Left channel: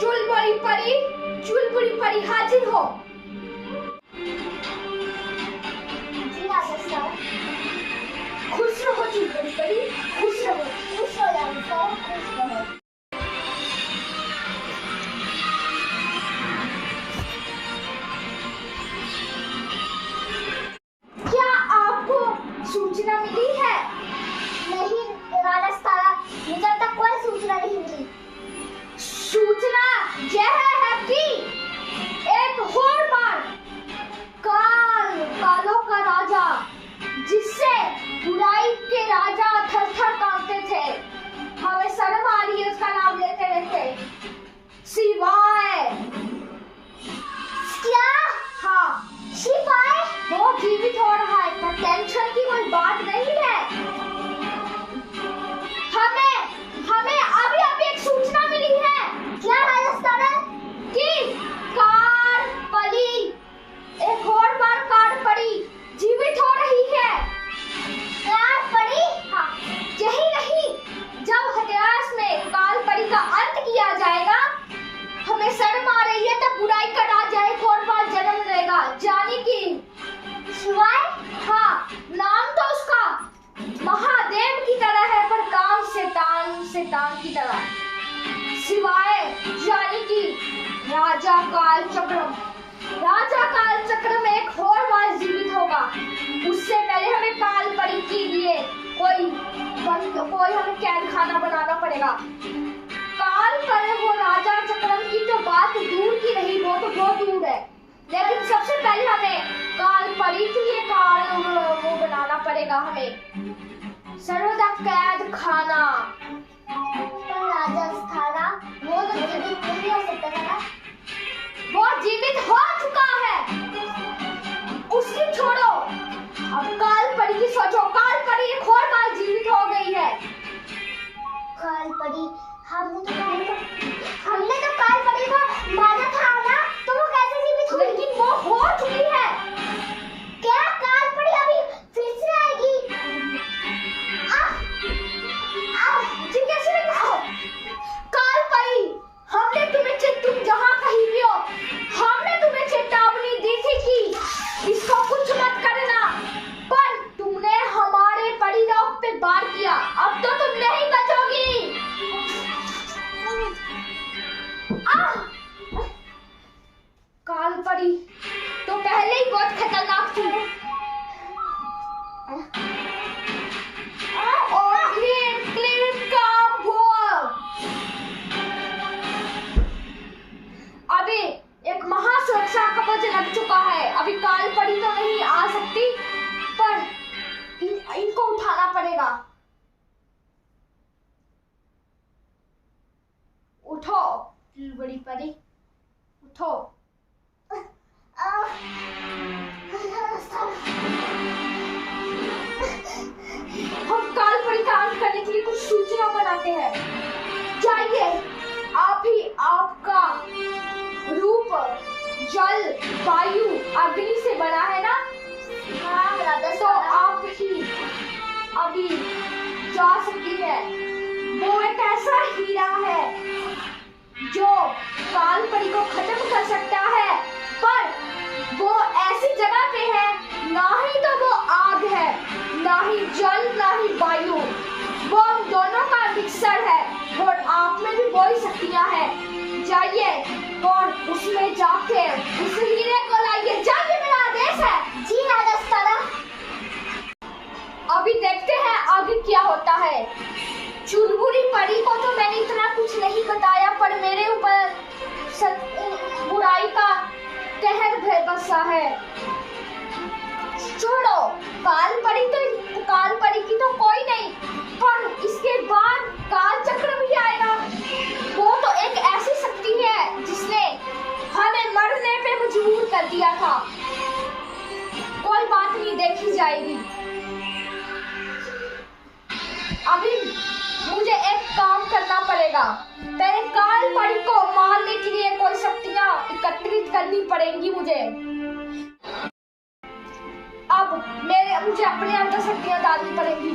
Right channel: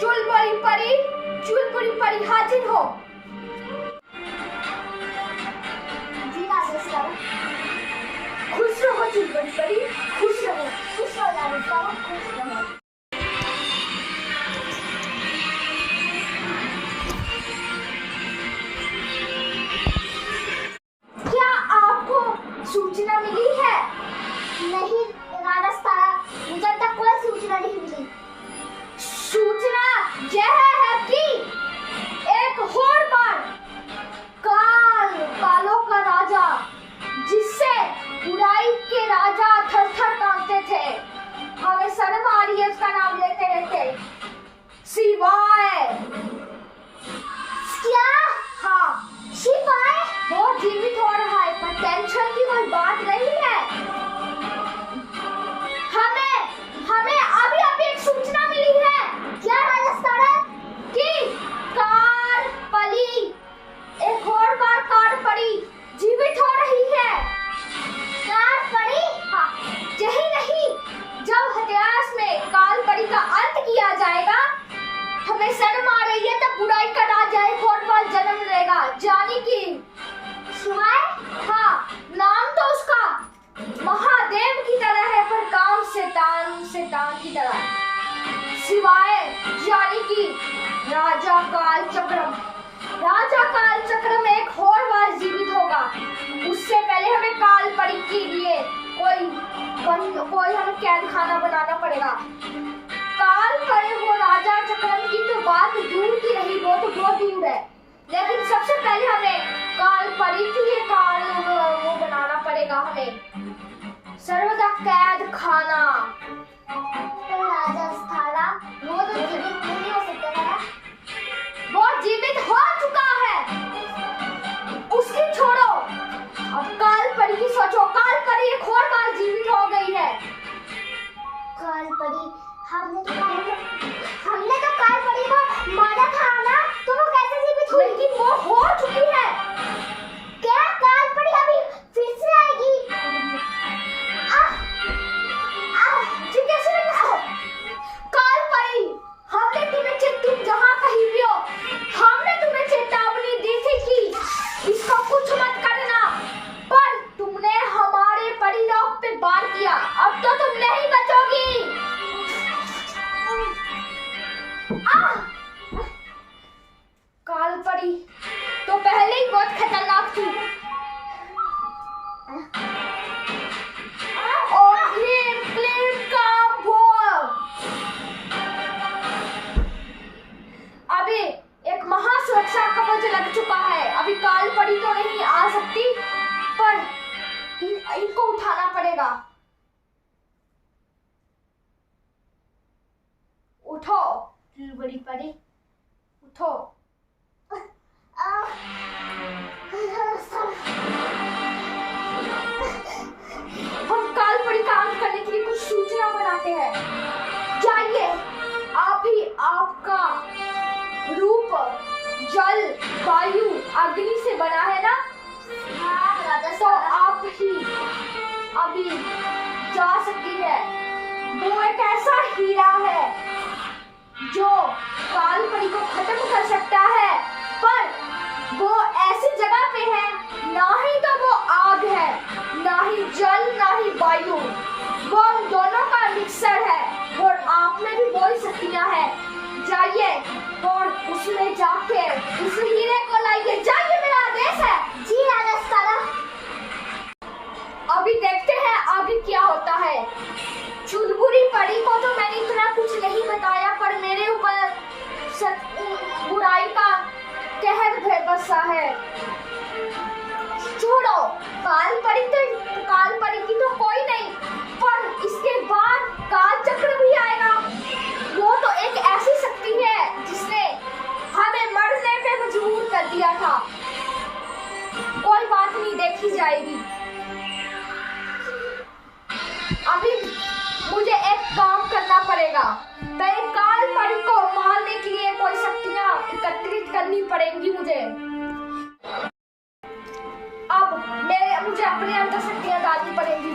चुलबुरी परी हाजिर हो। जी राजा, खुश रहो चुलबुरी परी, खुश रहो। खुश हो राजा, खुश रहो। क्या आपको सूचना मिली है? नहीं राजा, मुझे तक कोई सूचना नहीं मिली। सूचना यह है कि एक और बार कालों का राजा, जिससे बुराई के राजा थर-थर कांपते थे, हमें शर्म आ रही है उसका नाम लेते रहते, शिवाय। क्या? हाँ, शिवाय वो जीवित हो रहा है, पर टेंशन की कोई बात नहीं है। हमें अभी एक सूचना मिली है। क्या राजस्थान कि एक और बार कारपरी जीवित हो रही है। कारपरी? हाँ, यही नहीं, जब हथियास में कालपरी का अंत किया जाएगा, हमें शर्म आ रही है, तब बुराई का राजा एक और बार जन्म लेगा, जानी कि शिवाय? हाँ, नाम तो उसका महादेव की तरह है, पर काम शैतान की तरह। शिवाय यानी कि राजा काल चक्र में एक और बार जीवित होगा। उससे पहले हमें कालपरी के लिए कोई हमें कैद खाना बनाना पड़ेगा। कालपरी वो राजा चक्रम की तो बात दूर की रही, वो तो बहुत दूर है, लेकिन सबसे पहले हमें कालपरी के लिए वो बनाना पड़ेगा, हमें सर्वदा कैद खाना। तो राजस्थान वो तो जीवित नहीं हो सकता ना? वो जीवित हो चुका है, उसकी छोड़ो, अब कालपरी की सोचो। कालपरी एक और बार जीवित हो गई है। कालपरी हमने तो कालपरी को मारा था ना, तो वो कैसे जीवित हुई? लेकिन वो हो चुकी है। क्या कालपरी अभी फिर से आएगी? जी कैसे लगा? कालपरी, तुम जहाँ कहीं भी हो, हमने तुम्हें चेतावनी दी थी कि इसको कुछ मत करना, पर तुमने हमारे परिलोक पे वार किया, अब तो तुम नहीं बचोगी। कालपरी तो पहले ही बहुत खतरनाक थी, और अभी एक महासुरक्षा कवच लग चुका है। अभी कालपरी तो नहीं आ सकती, पर इनको उठाना पड़ेगा। उठो बड़ी परी, उठो। हम कालपरी का अंत करने के लिए कुछ सूचना बनाते हैं। जाइए, आप ही आपका रूप जल, वायु, अग्नि से बना है ना? हाँ राजा, तो आप ही अभी जा सकती है। वो एक ऐसा हीरा है जो कालपरी को खत्म कर सकता है, पर वो ऐसी जगह पे है, ना ही तो वो आग है, ना ही जल, ना ही वायु, वो हम दोनों का मिक्सर है, और आप में भी वही शक्तियां हैं। जाइए और उसमें जाके उस हीरे को लाइए। जाइए, मेरा आदेश है। जी राजस्थान। अभी देखते हैं आगे क्या होता है। चुलबुरी परी को तो मैंने इतना कुछ नहीं बताया, पर मेरे ऊपर बुराई का कहर बसा है। छोड़ो, कालपरी की तो कोई नहीं, पर इसके बाद काल चक्र भी आएगा। वो तो एक ऐसी शक्ति है जिसने हमें मरने पे मजबूर कर दिया था। कोई बात नहीं, देखी जाएगी। अभी मुझे एक काम करना पड़ेगा, पहले कालपरी को मारने के लिए कोई शक्तियां एकत्रित करनी पड़ेंगी मुझे। अब मुझे अपने अंदर शक्तियां डालनी पड़ेंगी।